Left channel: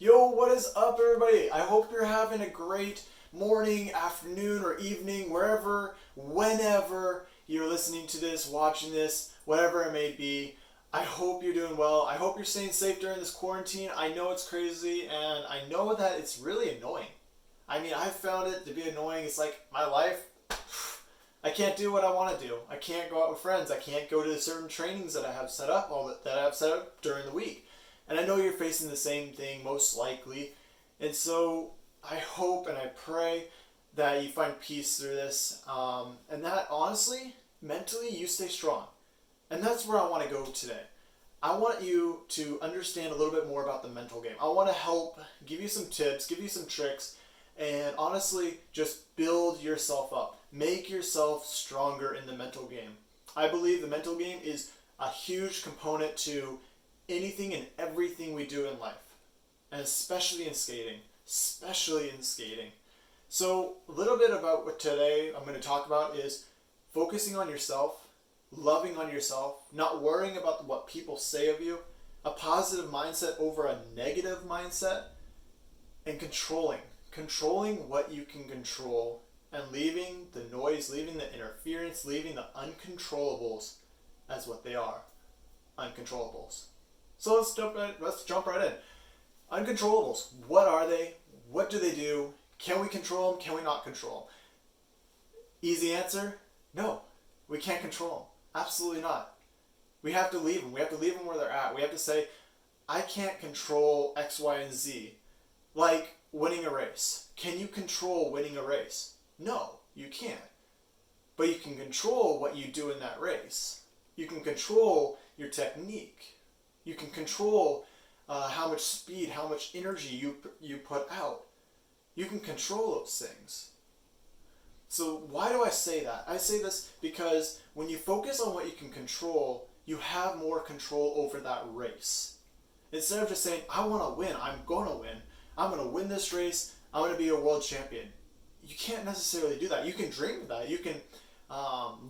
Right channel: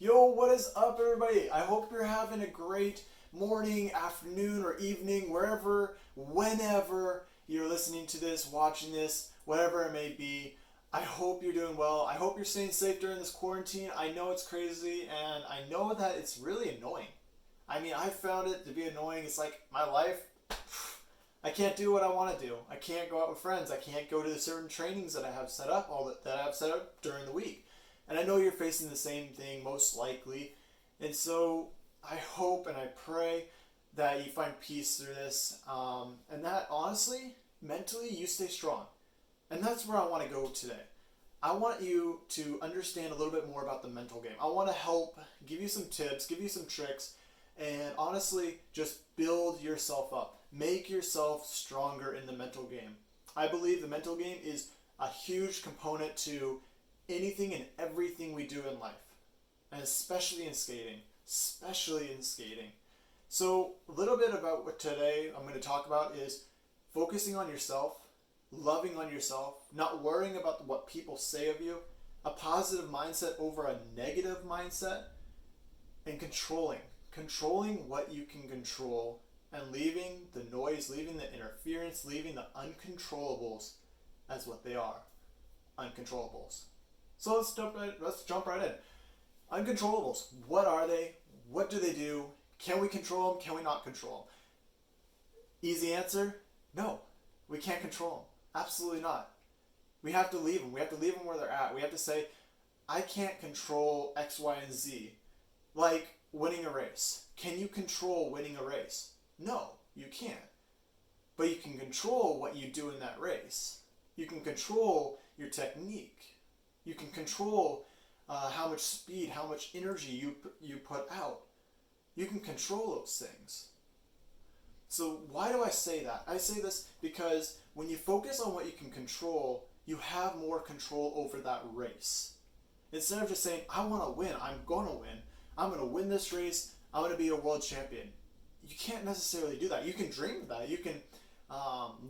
Yo, what is up, everybody? I hope you're having a great morning, afternoon, or evening, wherever, whenever you're listening to this, watching this, whatever it may be. I hope you're doing well. I hope you're staying safe during this quarantine. I know it's crazy, and I know that it's really annoying. I mean, I found it to be annoying. It's like my life. I can't do what I want to do. I can't go out with friends. I can't go to the certain trainings that I have set up, that I have set up during the week. And I know you're facing the same thing, most likely. And so I hope and I pray that you find peace through this. And that, honestly, mentally, you stay strong. And that's where I want to go today. I want you to understand a little bit more about the mental game. I want to help give you some tips, give you some tricks, and honestly, just build yourself up. Make yourself stronger in the mental game. I believe the mental game is a huge component to anything and everything we do in life, and especially in skating. So a little bit about what today I'm going to talk about is focusing on yourself, loving on yourself, not worrying about what people say of you, a positive mindset over a negative mindset, and controlling what you can control, and leaving the noise, leaving the interference, leaving the uncontrollables as what they are, uncontrollables. So let's jump right in. Uncontrollables. What are they? What do they do? Can we control them? Can we not control them? Easy answer: no. We can't control them. Absolutely not. We have to leave them. We have to leave them where they're at. We have to say, I can't control X, Y, and Z. Like winning a race. Can you control winning a race? No, you can't. But you can control what you do in that race. You can control your technique. You can control how much speed, how much energy you put out. You can control those things. So why do I say that? I say this because when you focus on what you can control, you have more control over that race. Instead of just saying, I want to win, I'm going to win. I'm going to win this race. I'm going to be a world champion. You can't necessarily do that. You can dream of that. You can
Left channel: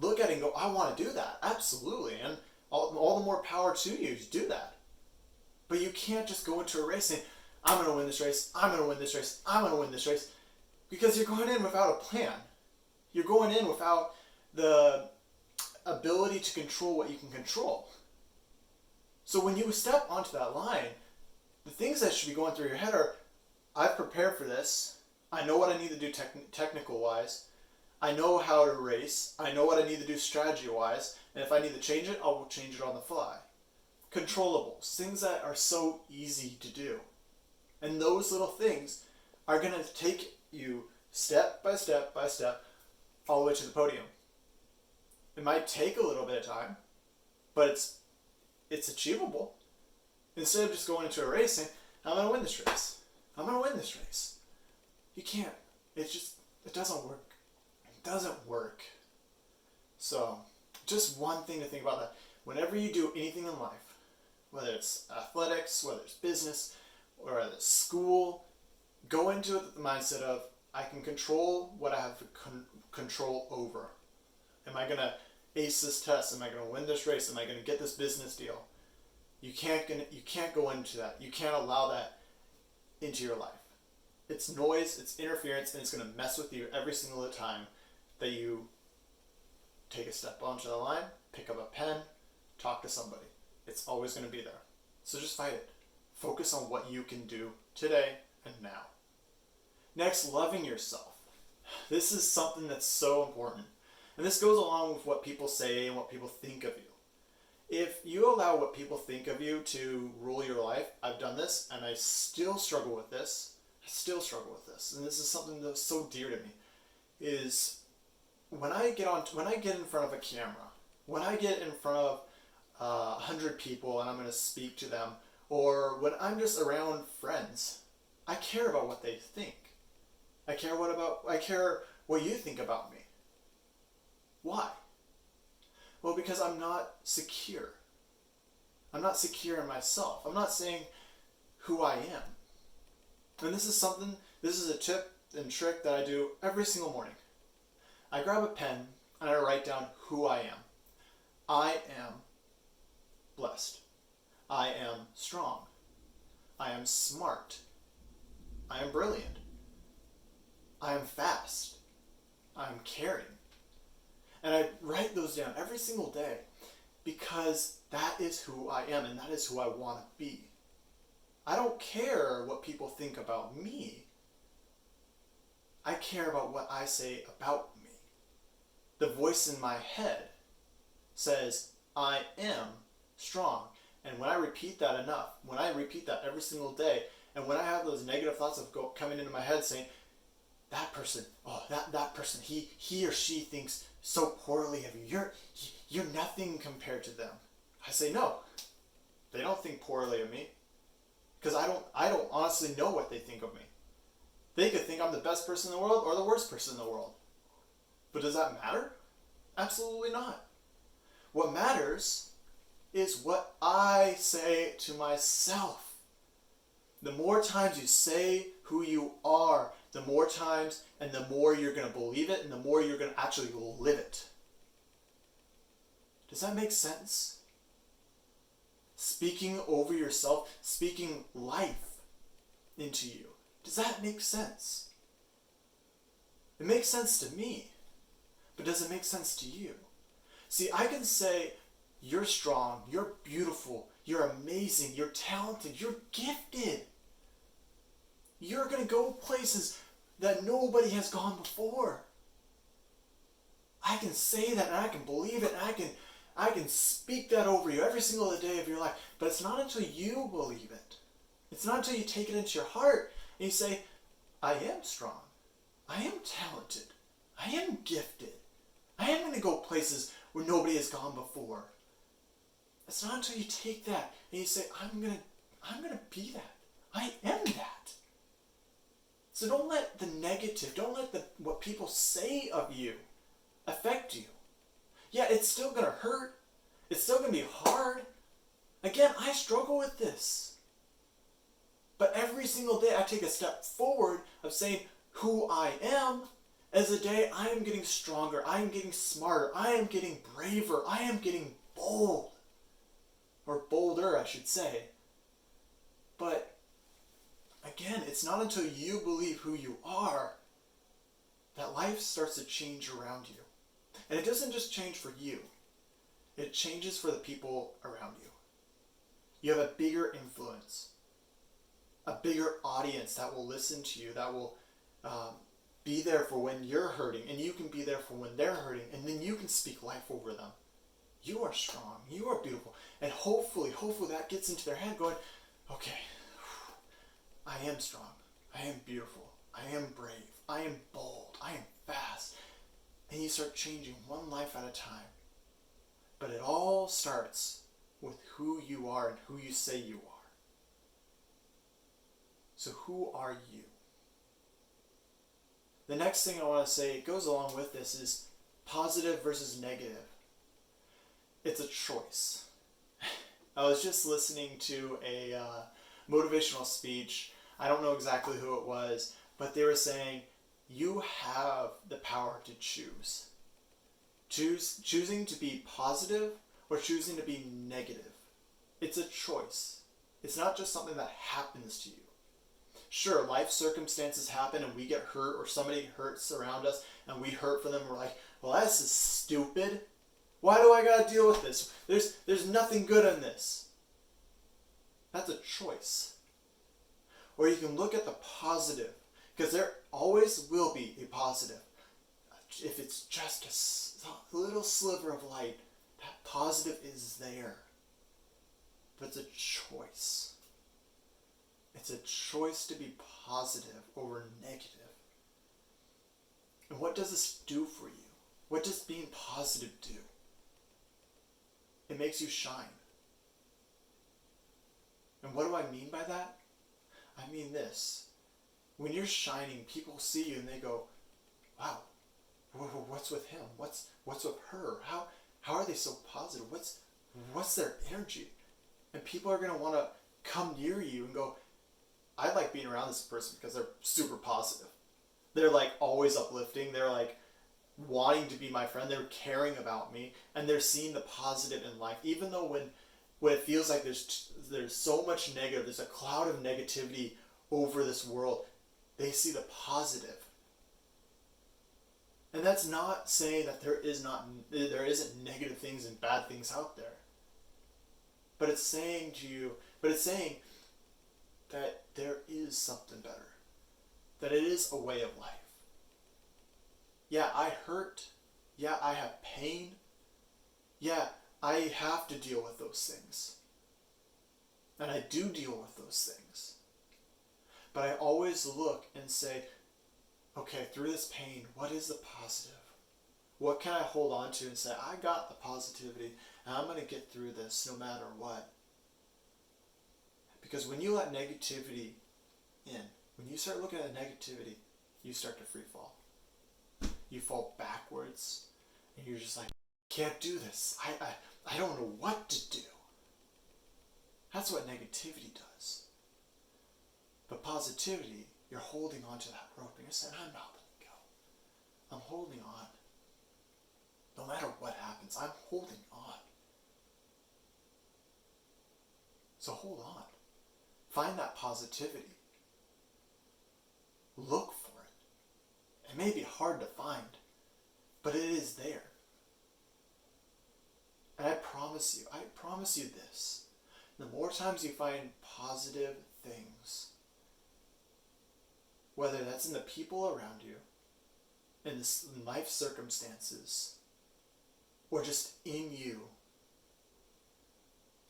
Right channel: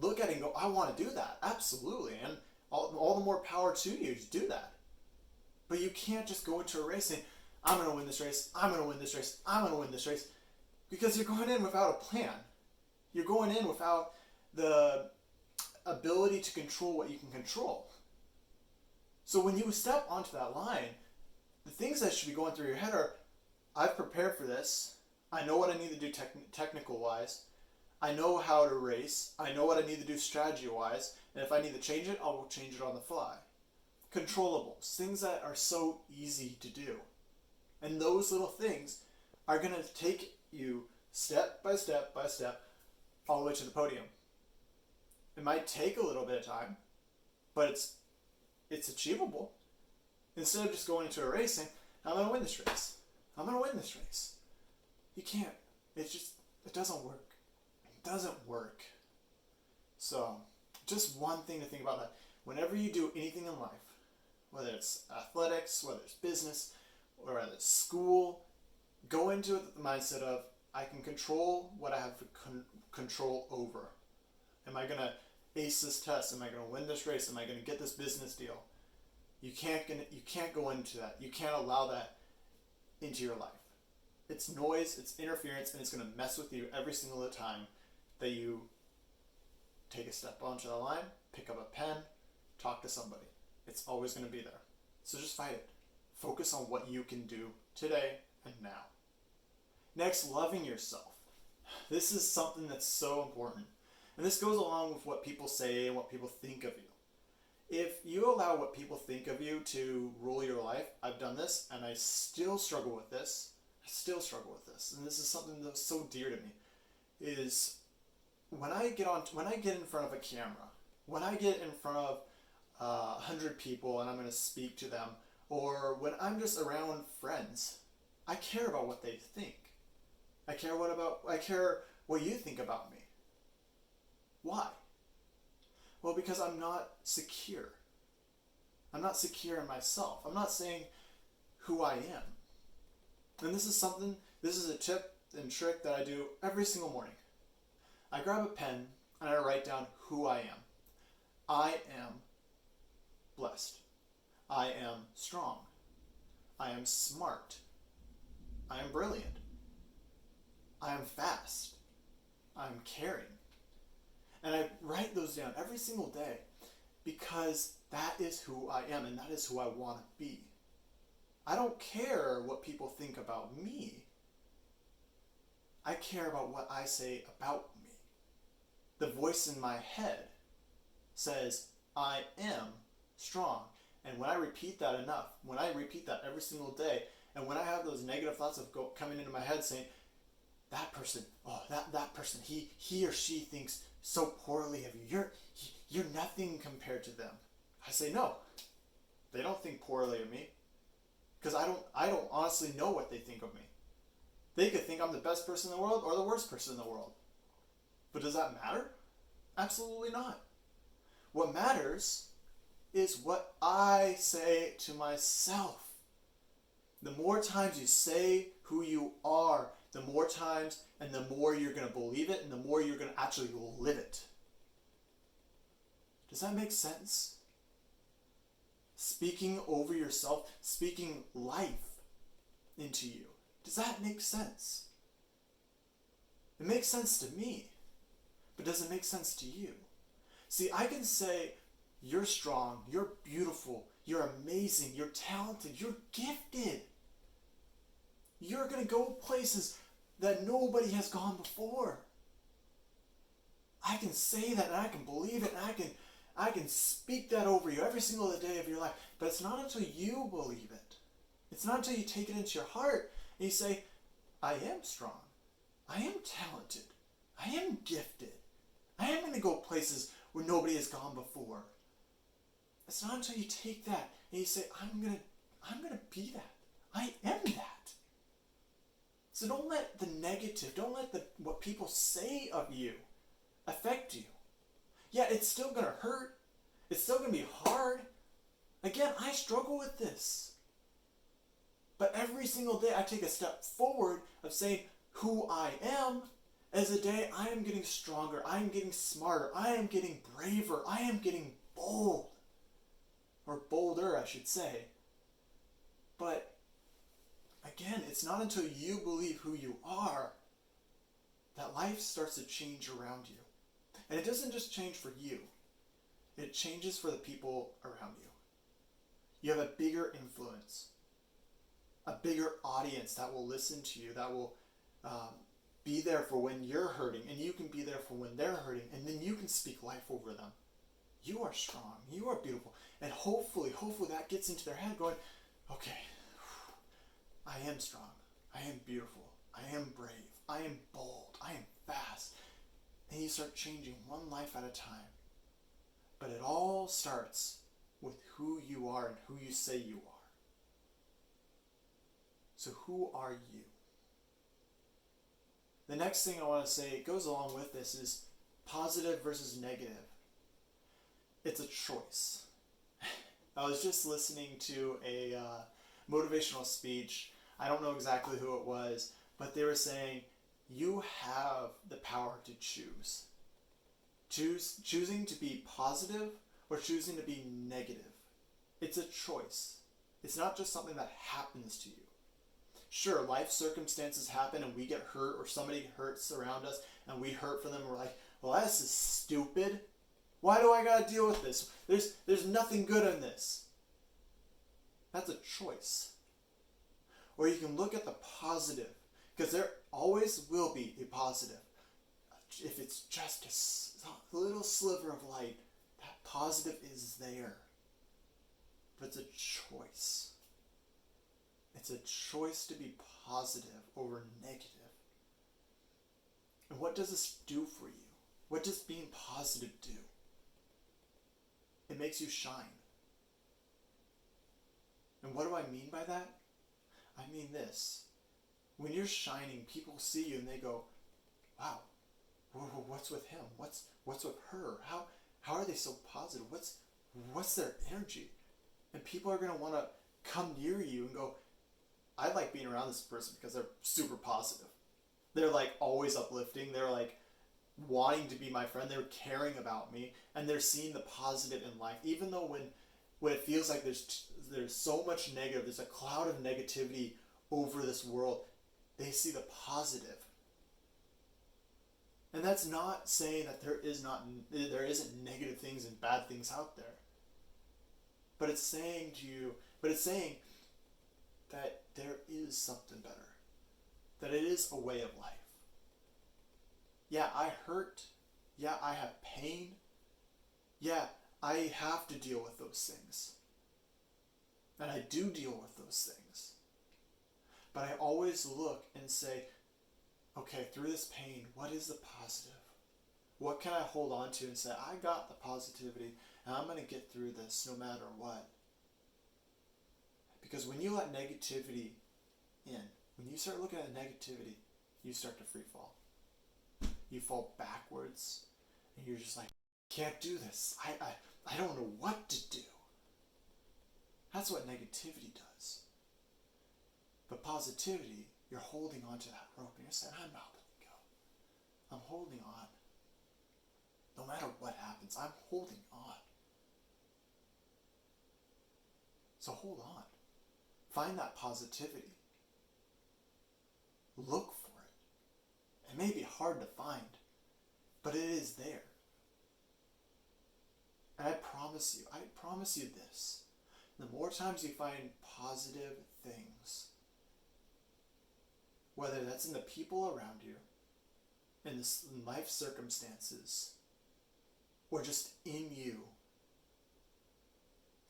look at it and go, I want to do that. Absolutely. And all the more power to you to do that. But you can't just go into a race saying, I'm going to win this race, I'm going to win this race, I'm going to win this race, because you're going in without a plan. You're going in without the ability to control what you can control. So when you step onto that line, the things that should be going through your head are, I've prepared for this, I know what I need to do technical wise, I know how to race, I know what I need to do strategy wise, and if I need to change it, I will change it on the fly. Controllables, things that are so easy to do. And those little things are going to take you step by step by step all the way to the podium. It might take a little bit of time, but it's achievable. Instead of just going into a race saying, I'm going to win this race. I'm going to win this race. You can't. It doesn't work. It doesn't work. So, just one thing to think about that. Whenever you do anything in life, whether it's athletics, whether it's business, or whether it's school, go into it with the mindset of, I can control what I have control over. Am I going to ace this test? Am I going to win this race? Am I going to get this business deal? You can't go into that. You can't allow that into your life. It's noise, it's interference, and it's going to mess with you every single time that you take a step onto the line, pick up a pen, talk to somebody. It's always going to be there. So just fight it. Focus on what you can do today and now. Next, loving yourself. This is something that's so important. And this goes along with what people say and what people think of you. If you allow what people think of you to rule your life, I've done this and I still struggle with this. And this is something that's so dear to me, is when I get in front of a camera, when I get in front of 100 people and I'm going to speak to them, or when I'm just around friends, I care about what they think. I care what you think about me. Why? Well, because I'm not secure. I'm not secure in myself. I'm not saying who I am. And this is a tip and trick that I do every single morning. I grab a pen and I write down who I am. I am blessed. I am strong. I am smart. I am brilliant. I am fast. I am caring. And I write those down every single day because that is who I am and that is who I want to be. I don't care what people think about me. I care about what I say about me. The voice in my head says, I am strong. And when I repeat that enough, when I repeat that every single day, and when I have those negative thoughts coming into my head saying, that person, that person, he or she thinks so poorly of you. You're nothing compared to them. I say, no, they don't think poorly of me. Because I don't honestly know what they think of me. They could think I'm the best person in the world or the worst person in the world. But does that matter? Absolutely not. What matters is what I say to myself. The more times you say who you are, the more times and the more you're going to believe it and the more you're going to actually live it. Does that make sense? Speaking over yourself, speaking life into you. Does that make sense? It makes sense to me, but does it make sense to you? See, I can say, you're strong, you're beautiful, you're amazing, you're talented, you're gifted. You're going to go places that nobody has gone before. I can say that and I can believe it and I can speak that over you every single day of your life. But it's not until you believe it. It's not until you take it into your heart and you say, I am strong. I am talented. I am gifted. I am going to go places where nobody has gone before. It's not until you take that and you say, I'm going to be that. I am that. So don't let the negative, don't let what people say of you affect you. Yeah, it's still going to hurt. It's still going to be hard. Again, I struggle with this. But every single day I take a step forward of saying who I am as a day I am getting stronger. I am getting smarter. I am getting braver. I am getting bold. Or bolder, I should say. But again, it's not until you believe who you are that life starts to change around you. And it doesn't just change for you. It changes for the people around you. You have a bigger influence. A bigger audience that will listen to you, that will be there for when you're hurting, and you can be there for when they're hurting, and then you can speak life over them. You are strong. You are beautiful. And hopefully that gets into their head going, okay, I am strong. I am beautiful. I am brave. I am bold. I am fast. And you start changing one life at a time. But it all starts with who you are and who you say you are. So who are you? The next thing I want to say, it goes along with this, is positive versus negative. It's a choice. I was just listening to a motivational speech. I don't know exactly who it was, but they were saying, you have the power to choose. Choosing to be positive or choosing to be negative. It's a choice. It's not just something that happens to you. Sure, life circumstances happen and we get hurt, or somebody hurts around us and we hurt for them. We're like, well, this is stupid. Why do I gotta deal with this? There's nothing good in this. That's a choice. Or you can look at the positive, because there always will be a positive. If it's just a little sliver of light, that positive is there. But it's a choice. It's a choice to be positive over negative. And what does this do for you? What does being positive do? It makes you shine. And what do I mean by that? I mean this. When you're shining, people see you and they go, wow, what's with him? What's with her? How are they so positive? What's their energy? And people are going to want to come near you and go, I like being around this person because they're super positive. They're like always uplifting. They're like wanting to be my friend. They're caring about me, and they're seeing the positive in life. Even though when it feels like there's so much negative, there's a cloud of negativity over this world, They see the positive. And that's not saying that there isn't negative things and bad things out there. But it's saying that there is something better. That it is a way of life. Yeah, I hurt. Yeah, I have pain. Yeah, I have to deal with those things. And I do deal with those things. But I always look and say, okay, through this pain, what is the positive? What can I hold on to and say, I got the positivity and I'm going to get through this no matter what? Because when you let negativity in, when you start looking at negativity, you start to free fall. You fall backwards and you're just like, can't do this. I don't know what to do. That's what negativity does. But positivity, you're holding on to that rope and you're saying, I'm not letting go. I'm holding on. No matter what happens, I'm holding on. So hold on. Find that positivity. Look for it. It may be hard to find, but it is there. And I promise you this. The more times you find positive things, whether that's in the people around you, in life circumstances, or just in you,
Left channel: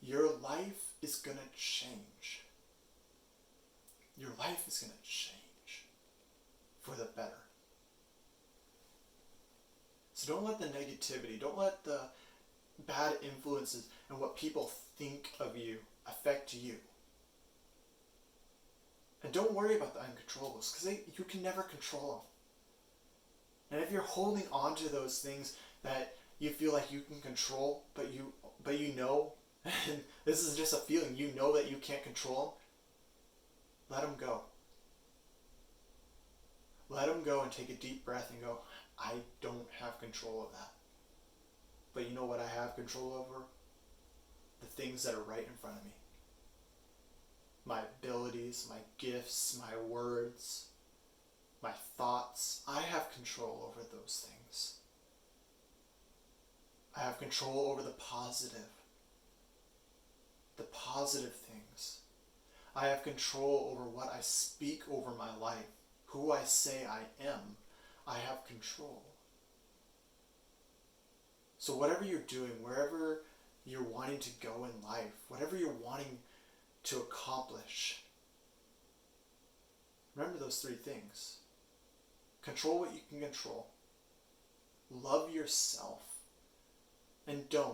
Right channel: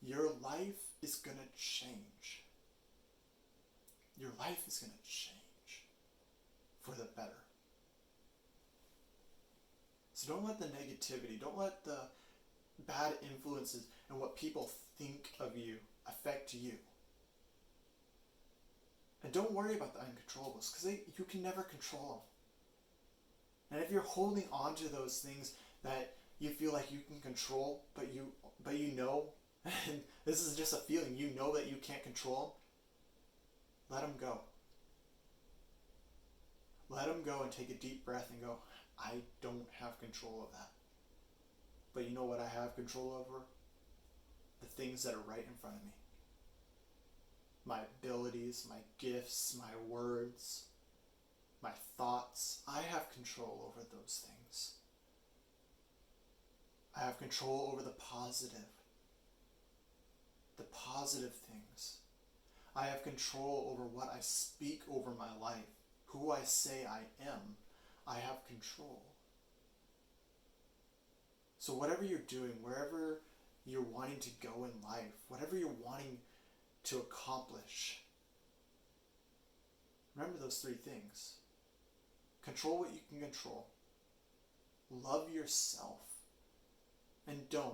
your life is going to change. Your life is going to change for the better. So don't let the negativity, don't let the bad influences and what people think of you affect you. And don't worry about the uncontrollables, because you can never control them. And if you're holding on to those things that you feel like you can control, but you know, and this is just a feeling, you know that you can't control them, let them go. Let them go and take a deep breath and go, I don't have control of that. But you know what I have control over? The things that are right in front of me. My abilities, my gifts, my words, my thoughts. I have control over those things. I have control over the positive things. I have control over what I speak over my life, who I say I am. I have control. So whatever you're doing, wherever you're wanting to go in life, whatever you're wanting to accomplish, remember those three things. Control what you can control. Love yourself. And do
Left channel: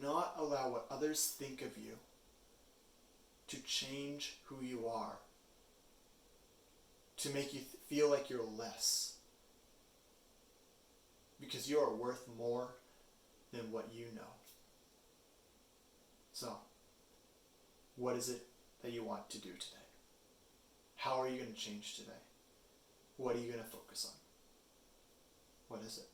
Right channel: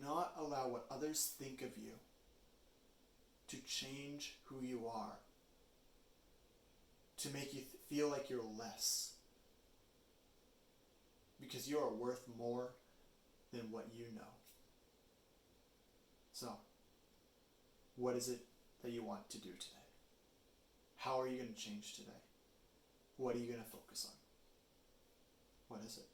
not allow what others think of you to change who you are, to make you feel like you're less. Because you are worth more than what you know. So, what is it that you want to do today? How are you going to change today? What are you going to focus on? What is it?